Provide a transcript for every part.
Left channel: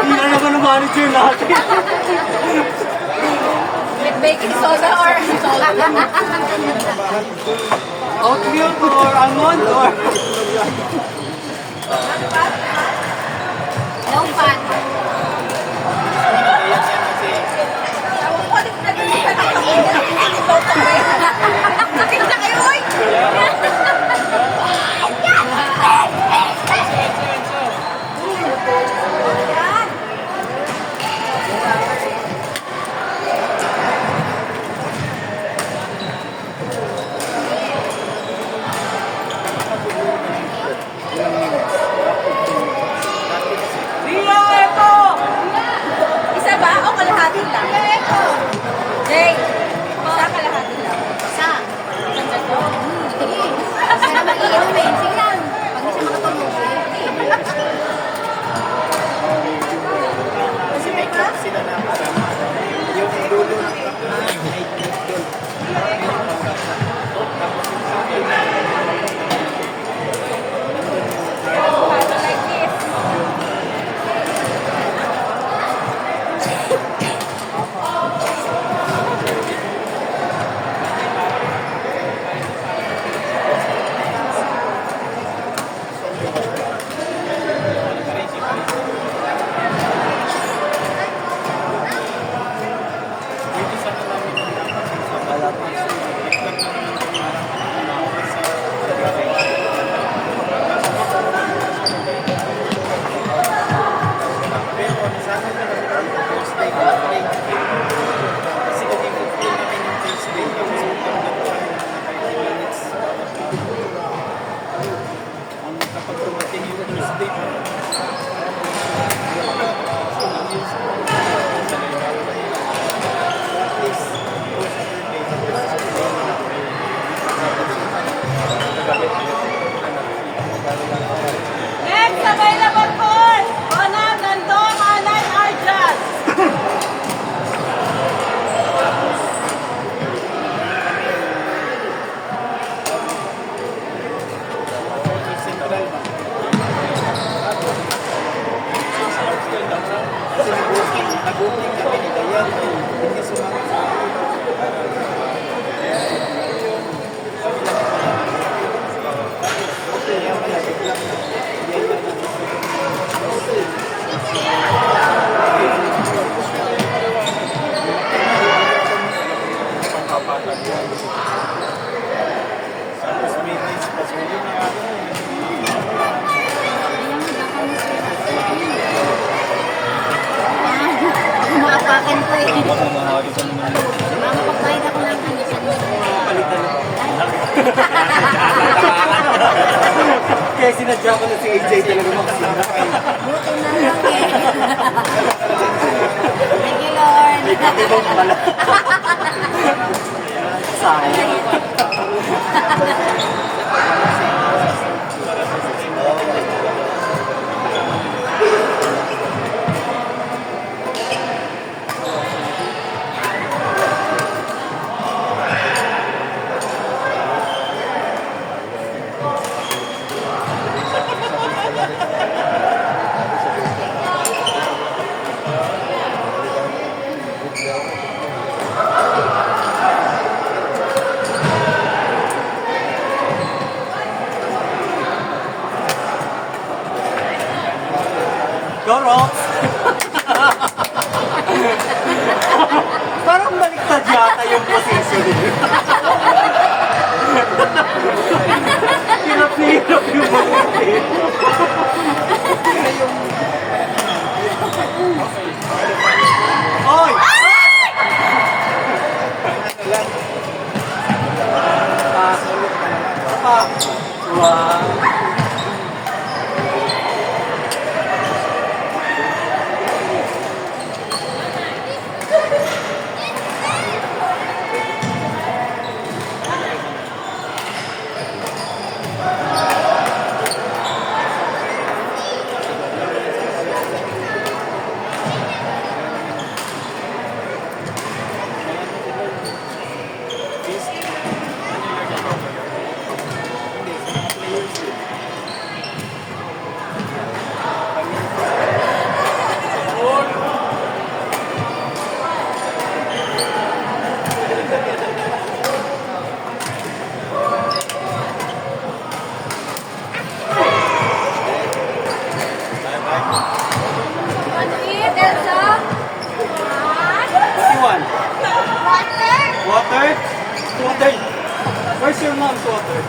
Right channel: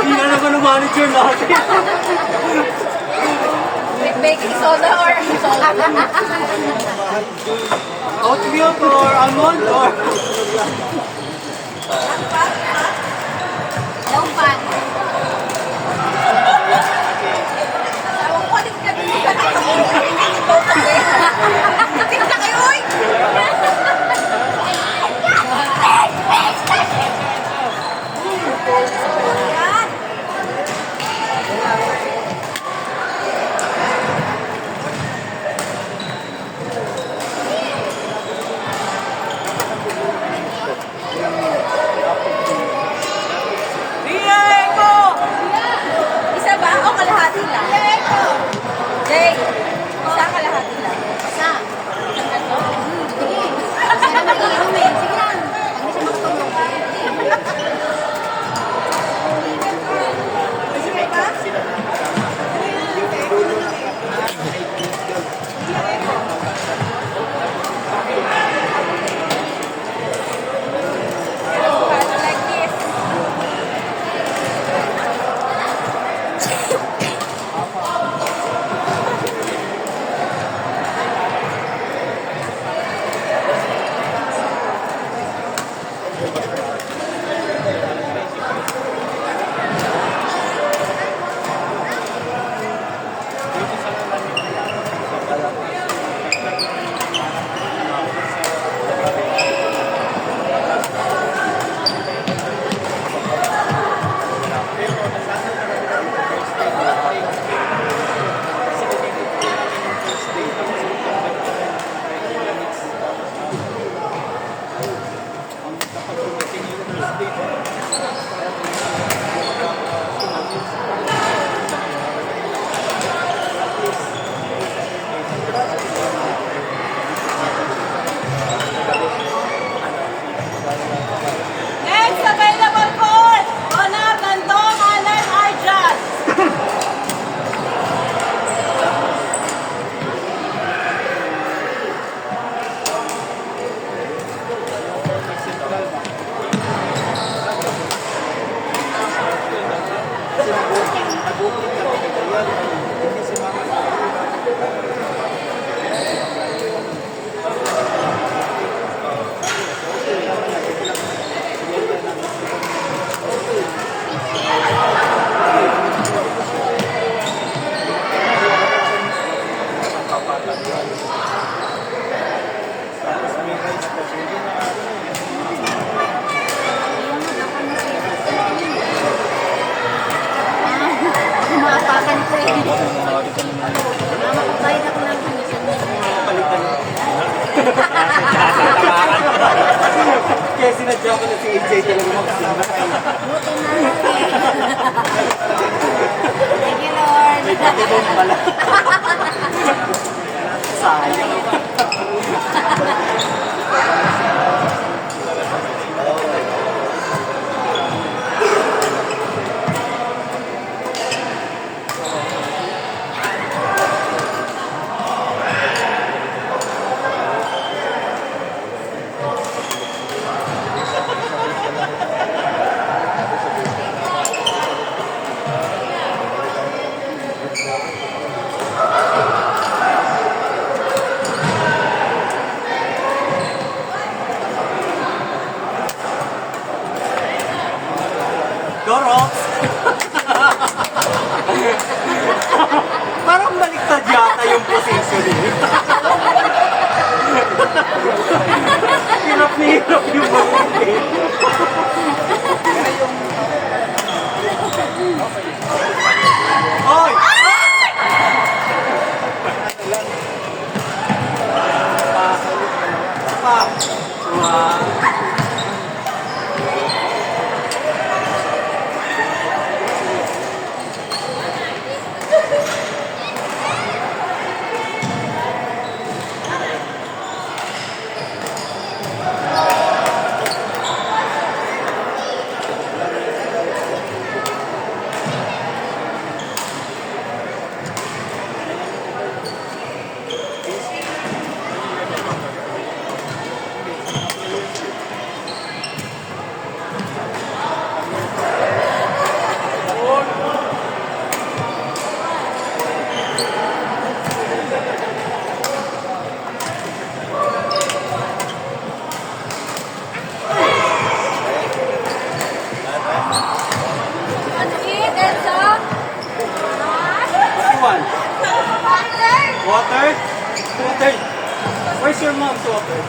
Hindi na naman ang manager natin. With baking soda or salt? Oat milk or almond or... No fun. Tawag ko, di ko na din sa Natinda kayo, oy! Isa ba o kalahati lang? Jay, isa kalahati lang. Isa. Isang tatlo? Hindi. Sana mag-iinom eh. Sige lang. Pag hindi siya makatulog. Kasi may ka? Like this. Next available course, Honor Gandong Alan Arjan. Makatakan ko eh. Makapagbayad ako ng Kaya sinadya ko na si AJ talaga magsara. Thank you, Lord. May katulong pala. Sayang. yata yung position niyo. Hirap na hirap yung mag-isip. Oy! Pa. Wow. Ano it, Elsa? What you want? Water? Water? Where's your mom's water?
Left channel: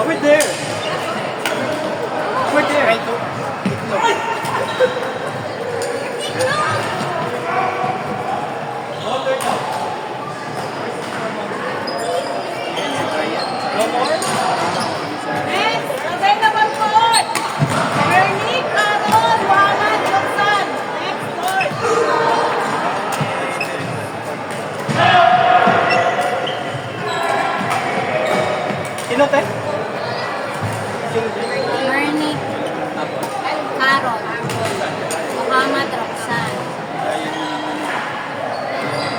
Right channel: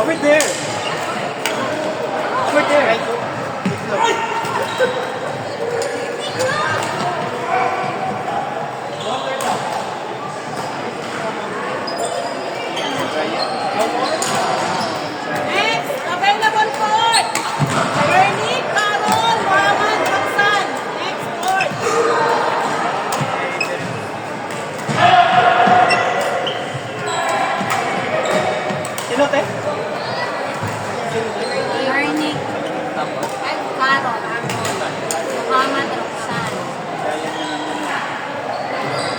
Over there. Over there. Right to. Next, available court. Bernie, Carol, Juana, Johnson. Next court. Sino te? Bernie, Tapos? Carol, Muhammad Roxanne.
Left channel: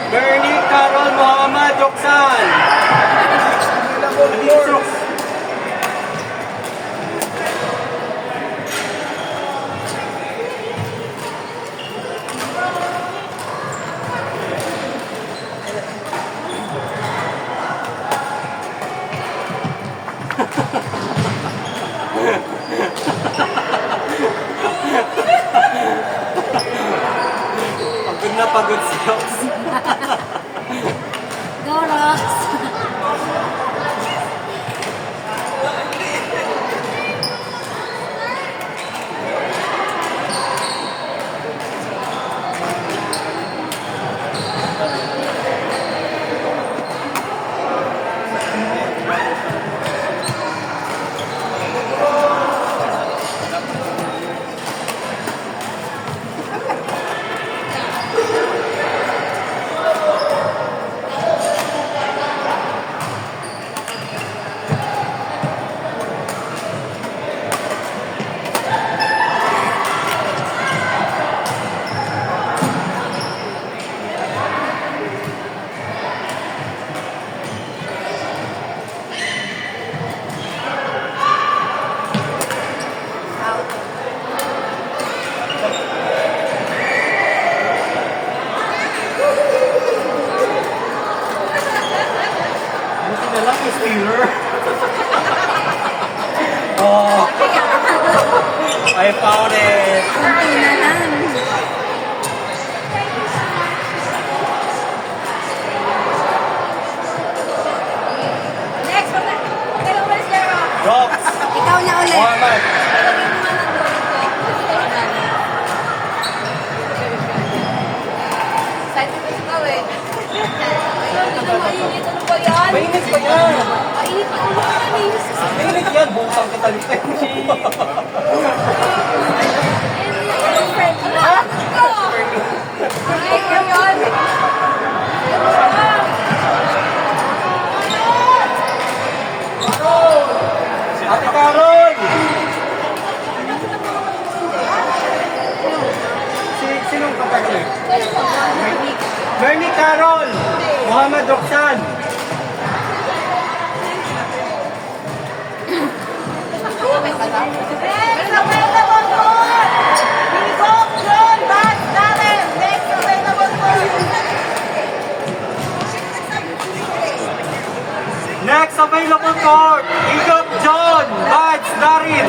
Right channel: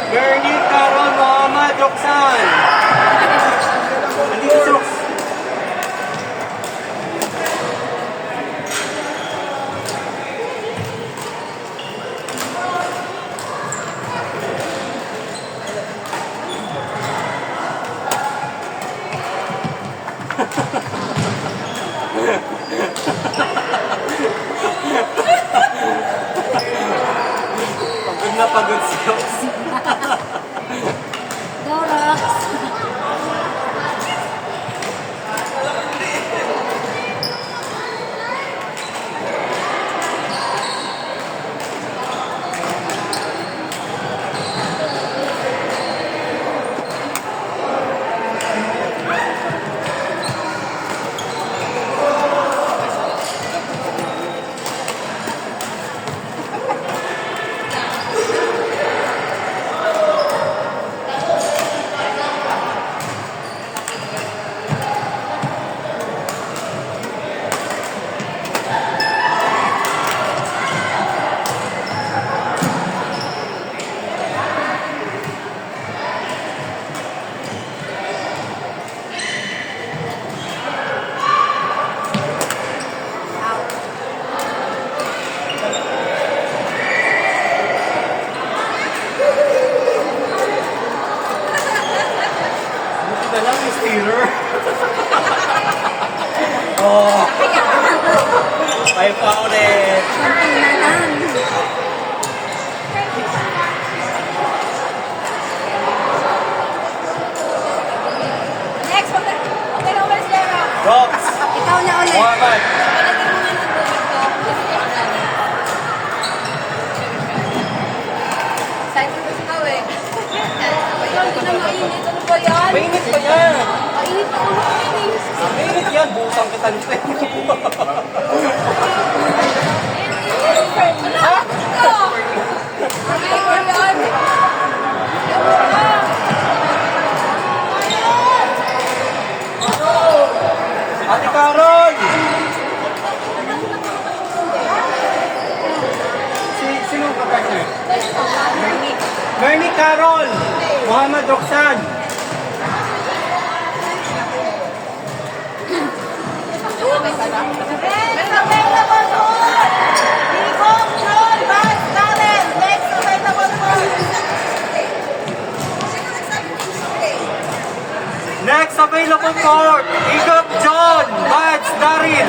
Bernie, Carol, Muhammad, Roxanne. Andito si Rox. Pagod na pagod si Rox. Go, Rox. Buti na lang yung stealer. Oh. I found it. Next, okay na umalis na, Rox. Rox. Ikaw na ulit. Muhammad. Ilagay mo na ng excited na ikaw eh. Ayaw, hindi na mainit. Ano ba yan? Mainit pa yan. Mainit pa ulo ka yan eh. Mainit yan. Busang kita nito. Ha? Ito! Flavor yun. Ate Carol. Sinong kapartner? Bernie Carol. Muhammad Roxanne. Next available court, Igap John, Mads Darin.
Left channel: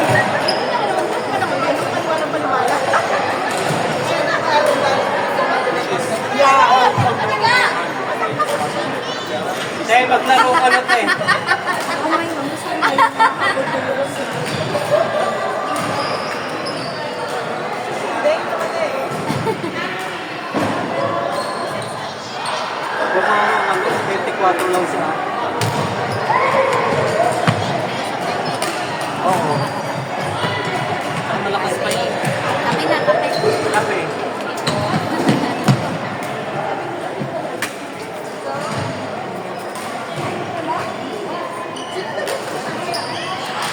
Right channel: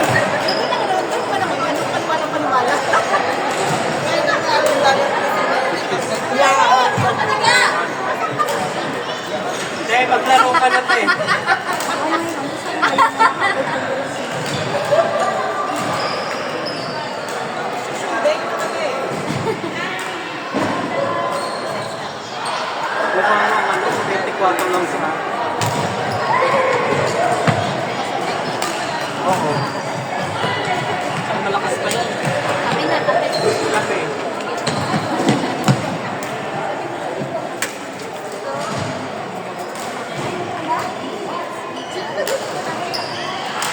Maglaro ka na, te. Mukha mo, 24 lang siya. Oo. Malakas pa yan. Kami na, kami. Kape.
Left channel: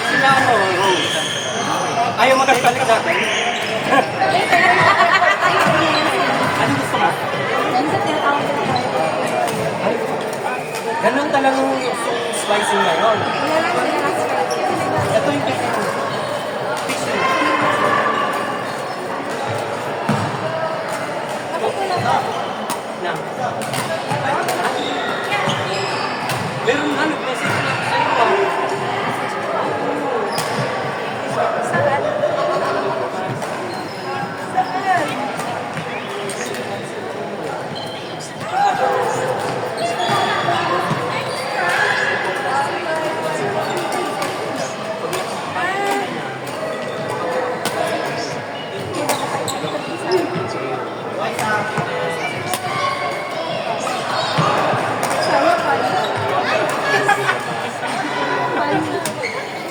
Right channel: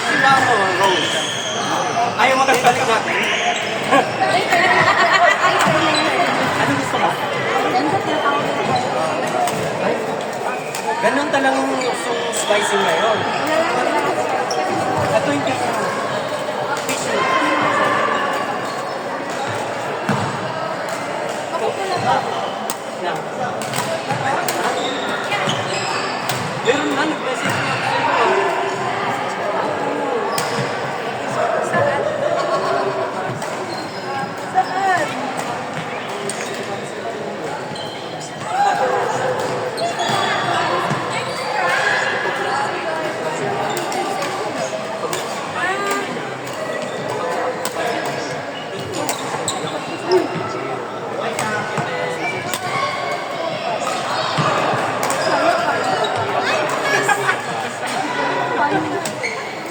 Sila mo, Rose. Ayaw mo balik natin? Ano gusto mo? Ay, ganun talagang yung spicy ngayon. Ito yung piso. Piso. Bakit wala pa? Na. Ha? Meron na, nag-message na ako sa iyo. Saan? Saan?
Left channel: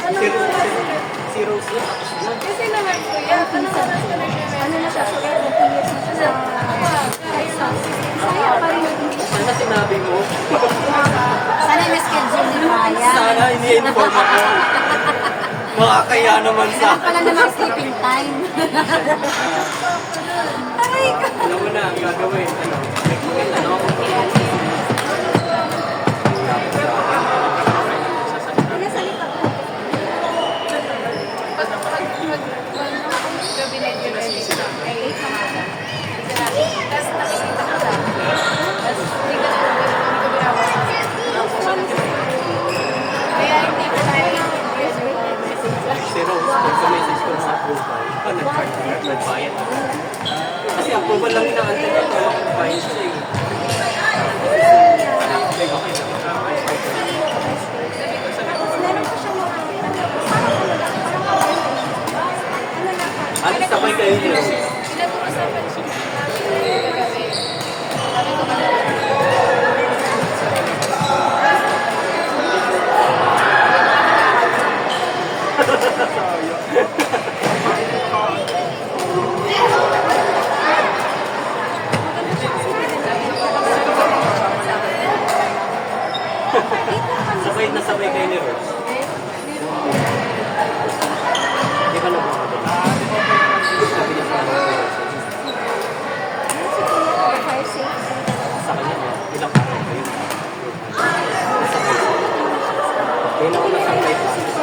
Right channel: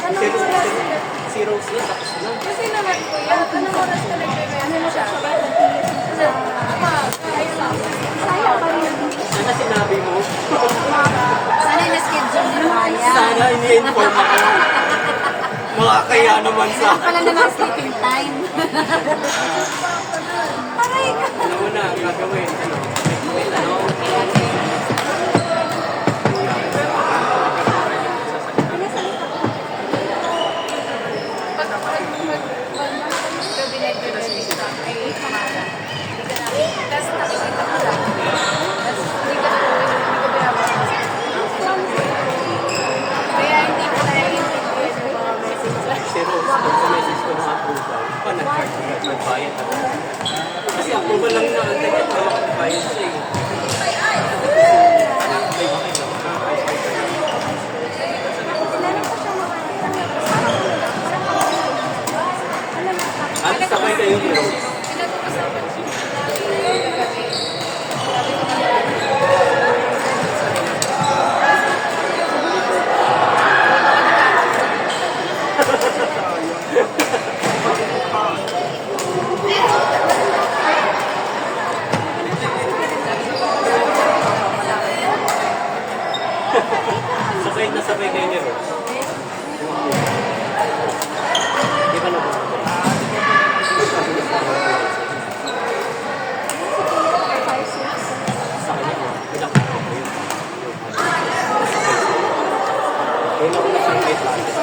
Anong oras ka? Si Rose na, tapos na. Kasi naman kuya, anong oras ka nagme-message siya? Ano? Umaga, ayun lang. Sana sinabi mo. Sana na-schedule ni Ryan. Sana ini-inform ako. Makakaya naman sa Pala naman sleeping time. Aray ko. Alam mo na, gagawin. Ano? Ano? Pag gabi nagre-register ay umaga. Hindi ka natin. Tapos nakikita ko lang. Tapos hindi ko binabasa. Kaya hindi ko naiintindihan yung mga message. Si Rose, pagka-message ko mga approval, nagbayad ako. Kasi approval lang inaantay ko para makapagbayad siya eh. Okay, okay lang. Ano sabay kayo ni Rose? Pinag-uusapan siya namin kagabi. Sabi ko Sabay na sabay kayo ni Rose. Di ba nabawag? Sa kanya, ilang araw kayo. Kailan ko na sa may practice.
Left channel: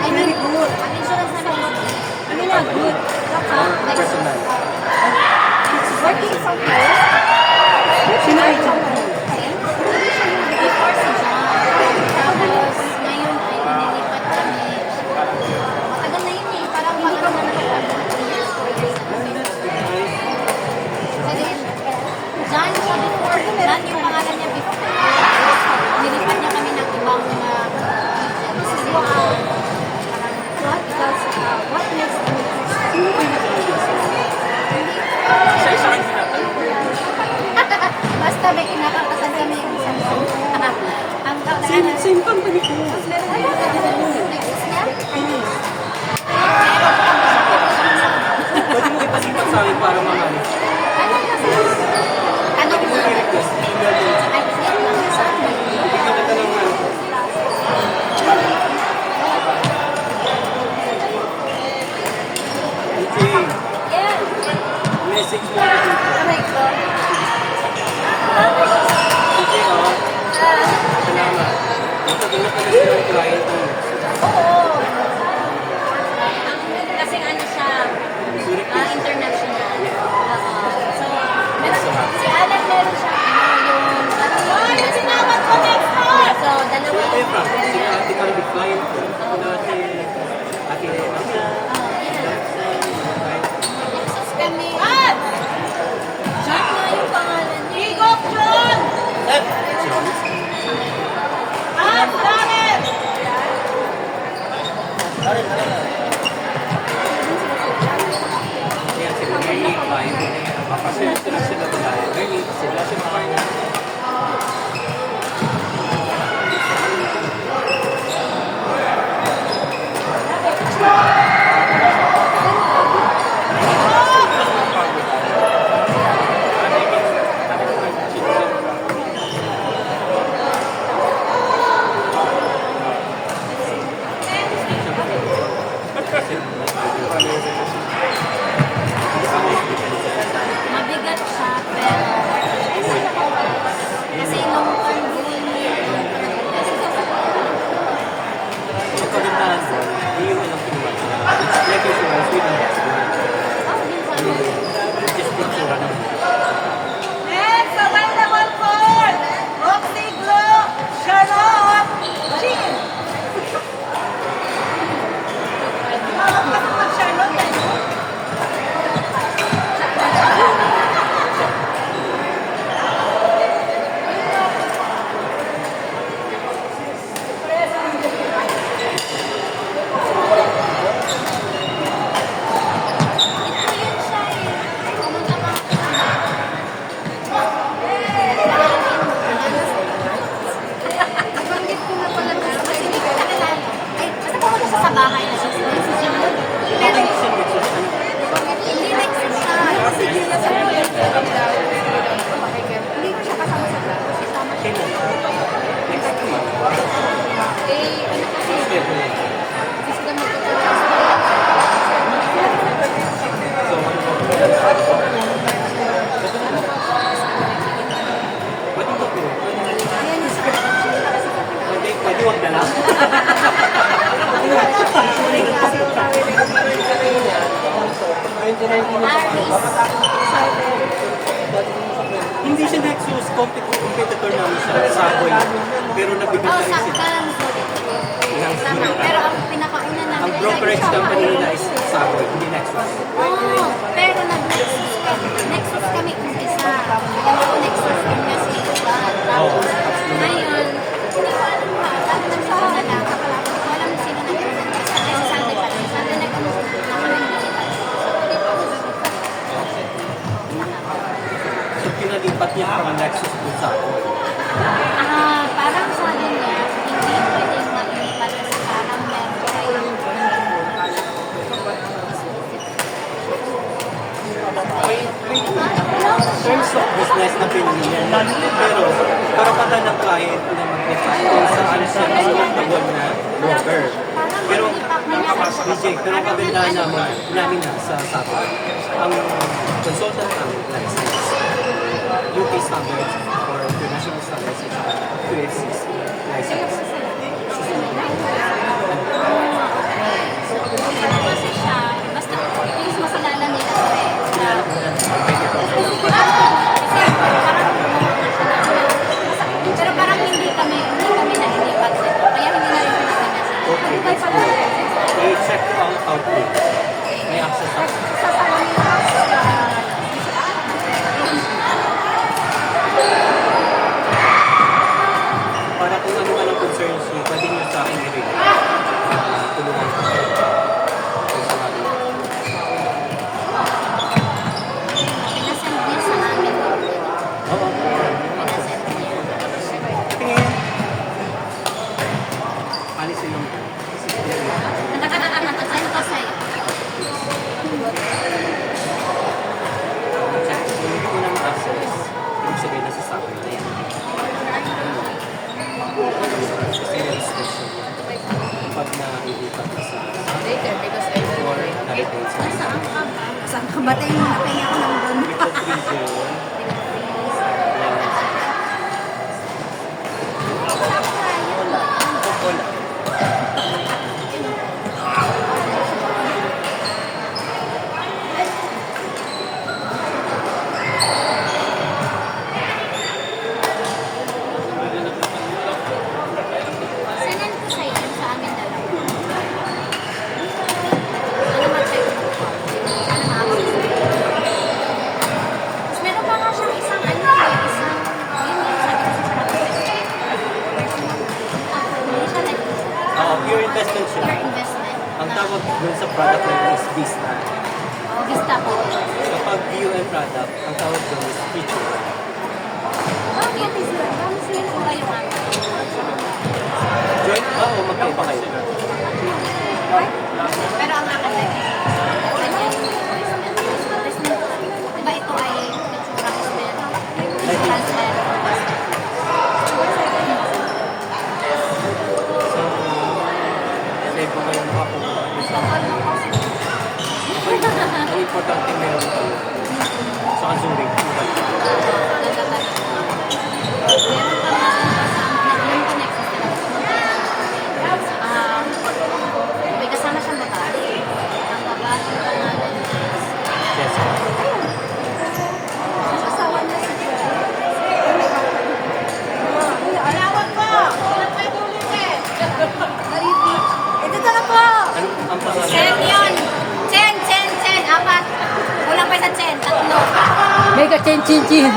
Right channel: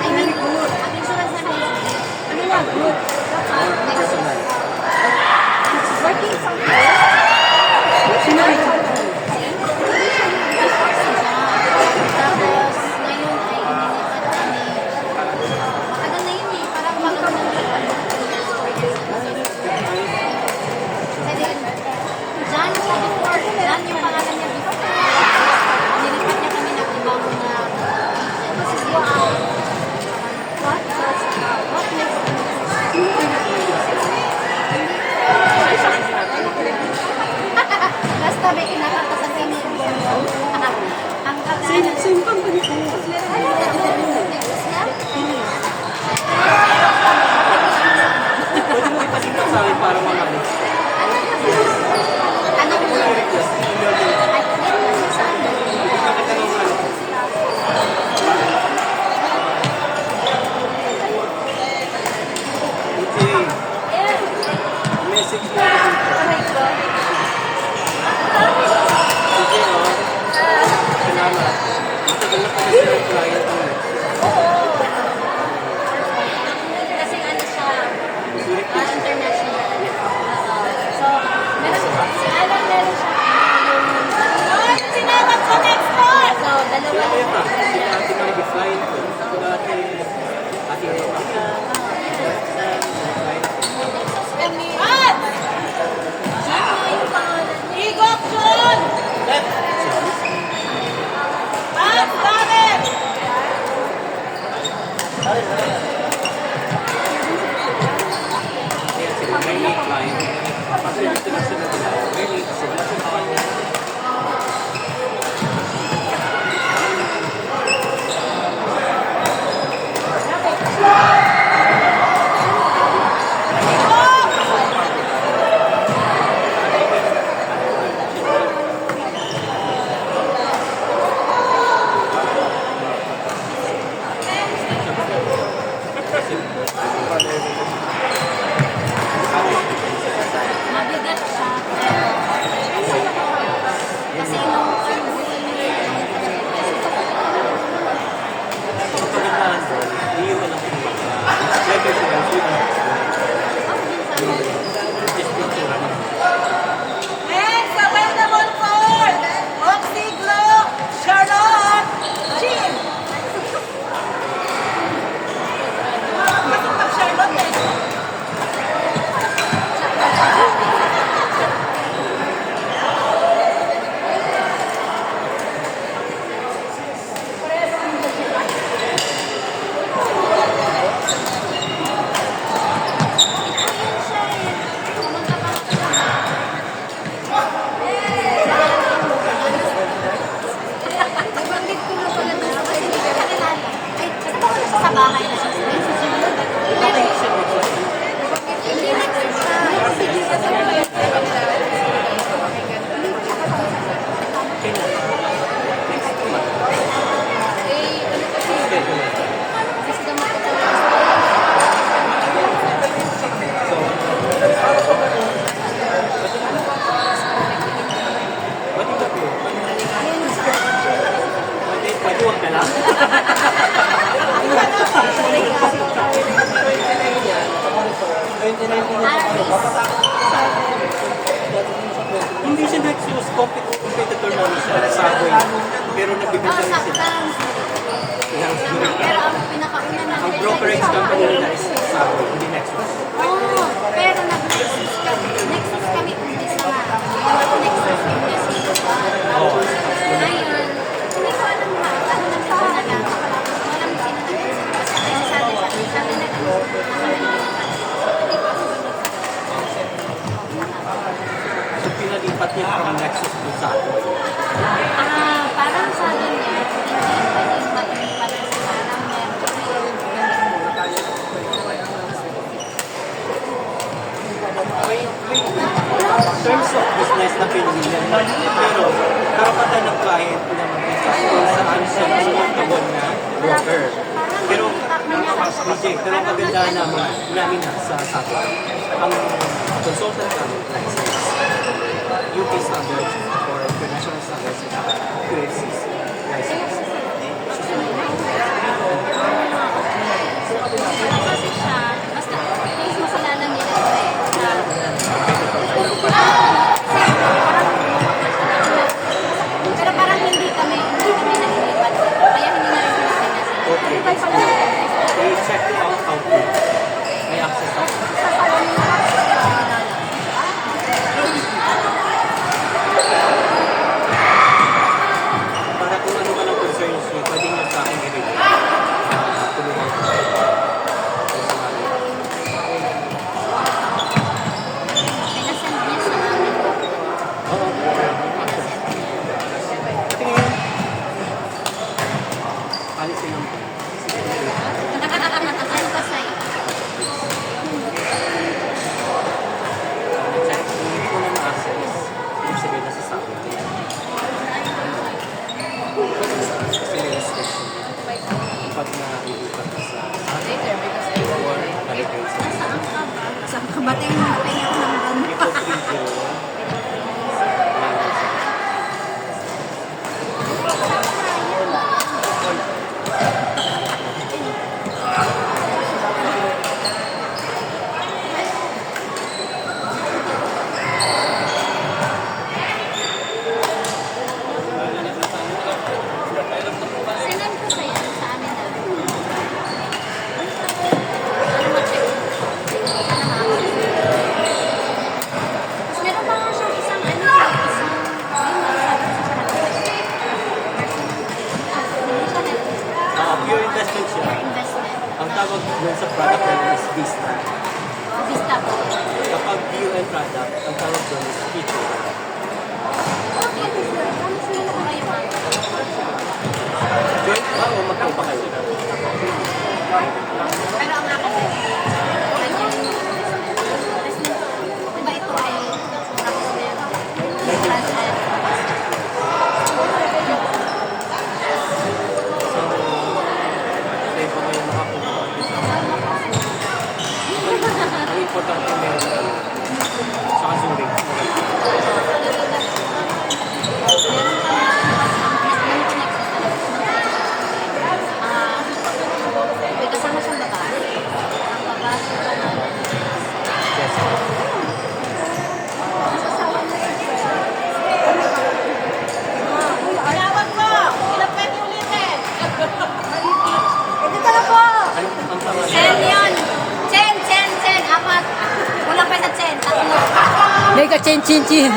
I mean, good. Insurance na lang. I mean, good. Personal. Working for you? Sino ay before si John. Tapos, ngayon ay inilipat kami. Matagal na yun eh. Parang matagal na yun. John siya before. John yung pangalan niya before. Nilipat niya kami ng ibang this is what basta may kinakatasan kami yung buong ang Same company ko. Pwede mo ipasipat sa akin para mamali. anong Request. at yun lang sa Okay. yeah. Message mo na dito. Oh my God. Sige o. Salamat. Matagal na pala sila yung client mo. Oo. Kasi ano siya, Zurich. international. So, meron, si Alan meron siya, yung Frank, sila Ate Mang Define, sila Ate Ate Tapos kami. What? John na yung pangalan niya. Igok John! Hans, David! Kaya sila Merly Klein. Kasi sila nila Merly, sila Mabigat siya, pero kasi nung pag-buhay niya, ang kagandahan doon, hindi mo lang pinulak na. Better to run food and ako din sabi ko, just picture lang. and sa line number 4, Roxy Glock, Charlotte, Jean. Charlotte eh. Nabanggit ko na pala ito sa pwede ka na. Ay, kasi ba wala sa bahay na siya? Si Jim. Bakit siya mag-just Hindi next sa si Jim sa bahay. Hindi pa siya kasama sa bahay. kailan? Next month. Eh, ano kasi, Schedule. kasi sila magpapalala sa bahay. Pwede ba po? Pwede wag na lang. Hindi siya next competitor namin sa Saboy. Pero nag-debut Oh, kami sila. saktan. Ilang siguro. Pero ang pinakauna na Ang brokerage company nila is Saboy, hindi Nexus. Oo, pero nag-nexus kami. Nexus kami umpisa. Nag-nexus kami sa iba. Oo. Ngayon, hindi ko alam kung ano naman sila nag-ano. Alam sila nag-ano. Basta kasi sabi pa rin sila nag-ano. So, pinalipat niya from Nexus to Saboy. Parang sabi niya, hindi pwedeng maglipat sa parang In terms of business na pinili niya, pero karapatan ng client na mag-decide kung saan siya magkakawal na broker. Pero, DJ, pero ang kagandahan namin na sa Saboy, ang consultant namin license, UK standards or international standards at QFC's license. basta, please nasalala nila. Kilala ko na Pero parang hindi kami nag-inipat dito. Kaya hindi namin pinapinasan. okay, let's go. So, you check it out how to may access ako. Para kung ano ka ng concerns niyo, pwede nyo sa akin ibigay. Tulungan ko. Kung sa mga Pinasend niya sa namin. Oo. Tingin. Ano silang Send ko sa'yo. hindi ko na ma-access. Ibig sabihin nasa sa akin. Kasi may restriction. Pag na-iipat ka sa or nalipin sa Saan ka ba tayo nandun? ito 3J. dun sa product nila is Vista. Vista po. Kapag UN product, ang tawag doon is feature. Okay, Vista. Ano sila yung kayo? Joint ba o magkaiba kayo? Pero ang akin, ano, diba ito ay So, sa iba kayo nakakuha. Ang importante meron kayo. Sa Zurich. may kasama siyang bata. Yes. Alawag mo! Ilang pwede ulitin? Ito talaga po! Ang pangalan. Chen yun! Chen! Apat! Kulang pa sa Chen, tatlo. Mega chin chin chin.